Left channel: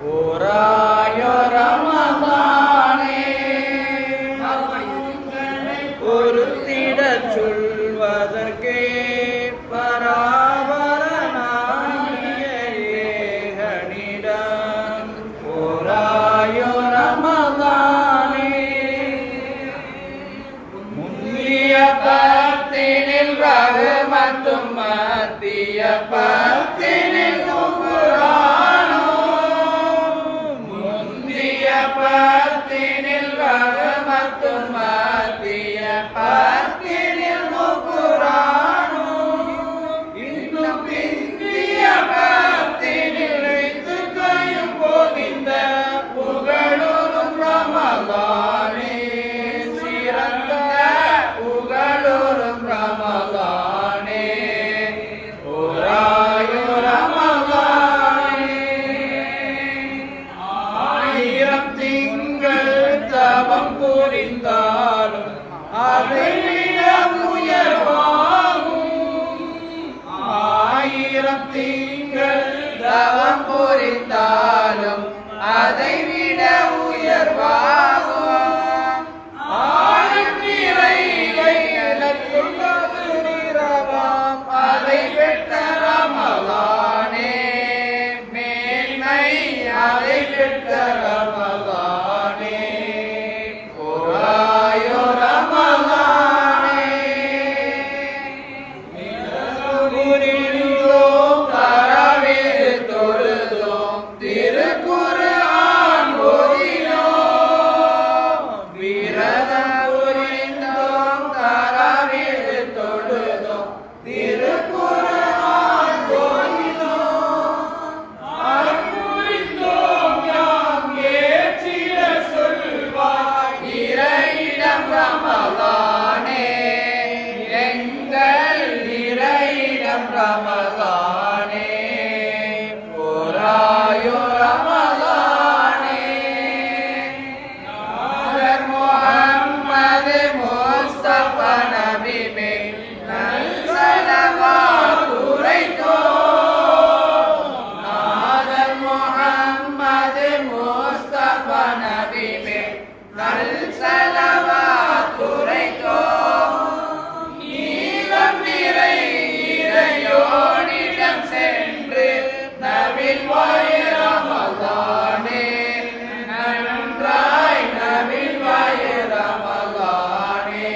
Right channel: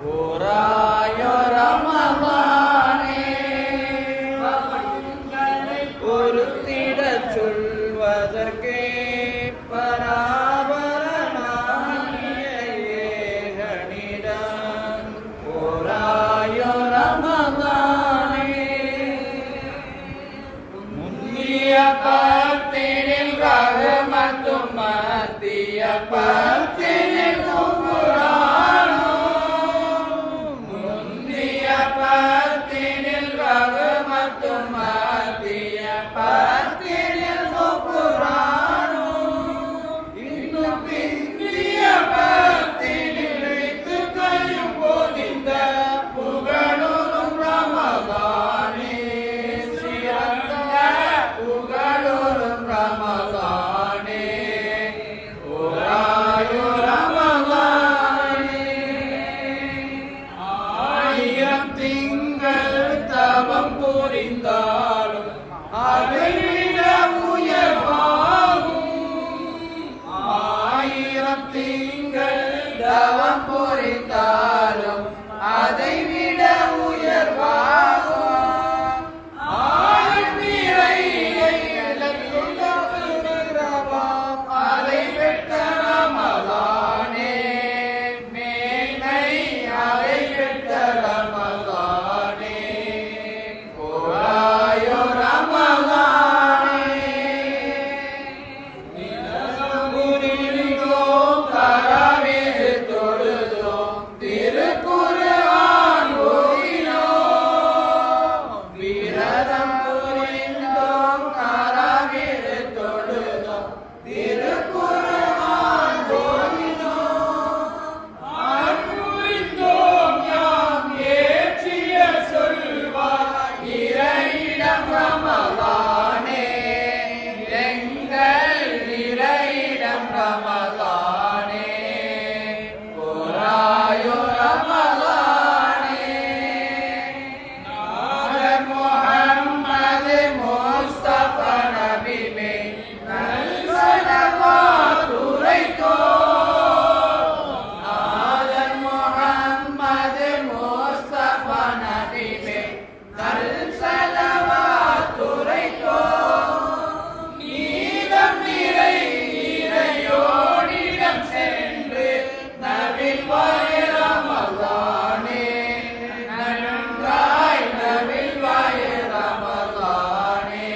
ஓராயோ ரமலானே ஒருத்திடச் சொல்வதற்கே பராபரனாகிய ஏகனிடம் ஓராயோ ரமலானே முந்திய பத்தினில் ரஹ்மத்தும் மத்திய பத்தினில் குஃப்ரானும் முந்திய பத்தினில் ரஹ்மத்தும் மத்திய பத்தினில் குஃப்ரானும் இன்னும் பிந்திய பத்தினில் இத்துக்கையும் போதிந்த புகழுறும் ரமலானே சிறந்த புகழுறும் ரமலானே ஓராயோ ரமலானே ஆயிரம் திங்கள் தவம் புரிந்தாலும் அதைவிட உயர்வாகும் ஆயிரம் திங்கள் தவம் புரிந்தாலும் அதைவிட உயர்வாகும் ஆயும் நிறையிலத்துள் கதிரவாம் அதை பெற்ற ரமலானே மேன்மை அதை பெற்ற ரமலானே ஓராயோ ரமலானே புரிந்தோம் தரவில் தொழுதோம் திருக்குர்ஆன் ஓதினோம் விரதம் புரிந்தோம் தரவில் தொழுதோம் திருக்குர்ஆன் ஓதினோம் அறம் புரிந்தோம் யாம் ஏற்றிய சொல்வாய் இறையிடம் ரமலானே எங்கள் இறையிடம் ரமலானே ஓராயோ ரமலானே நாதர் முஹம்மது முஸ்தபா நபி மேல் நல்சலவாத் உரைத்தோம் நாதர் முஹம்மது முஸ்தபா நபி மேல் நல்சலவாத் உரைத்தோம் நீதம் நிறை இறையோனிடம் சென்று நபில் வாய ரமலானே நன்றாய் நபில் வாய ரமலானே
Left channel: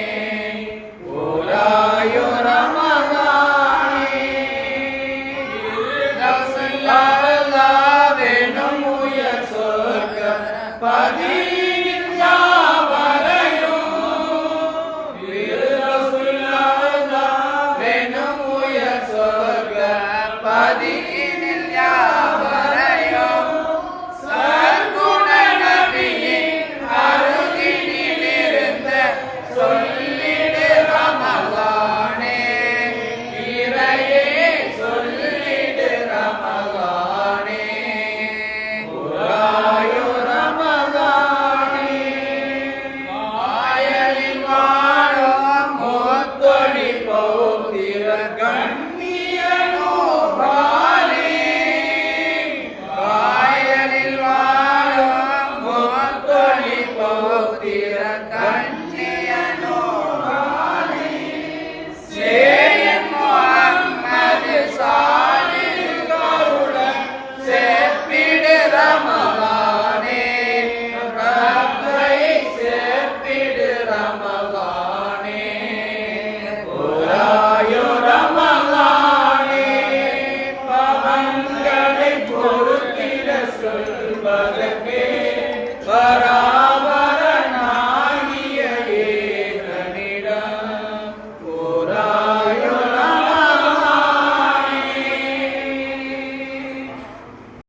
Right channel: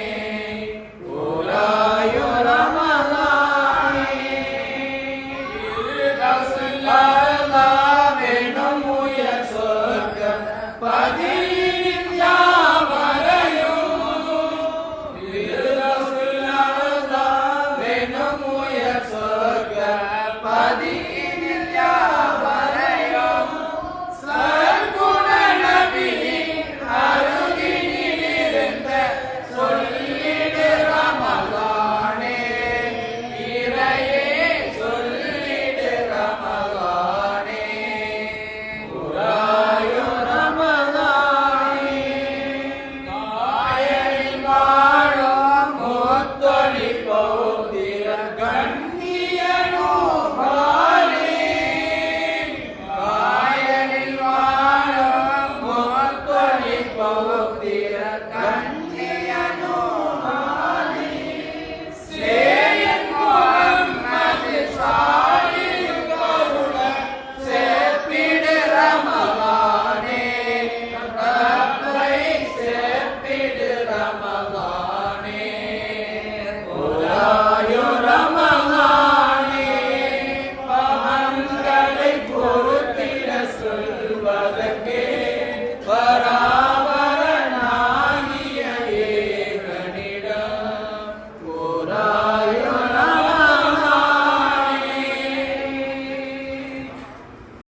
ஓராயோ ரமலானே அல்லாஹ்வெனும் உயர் சொர்க்கம் பதி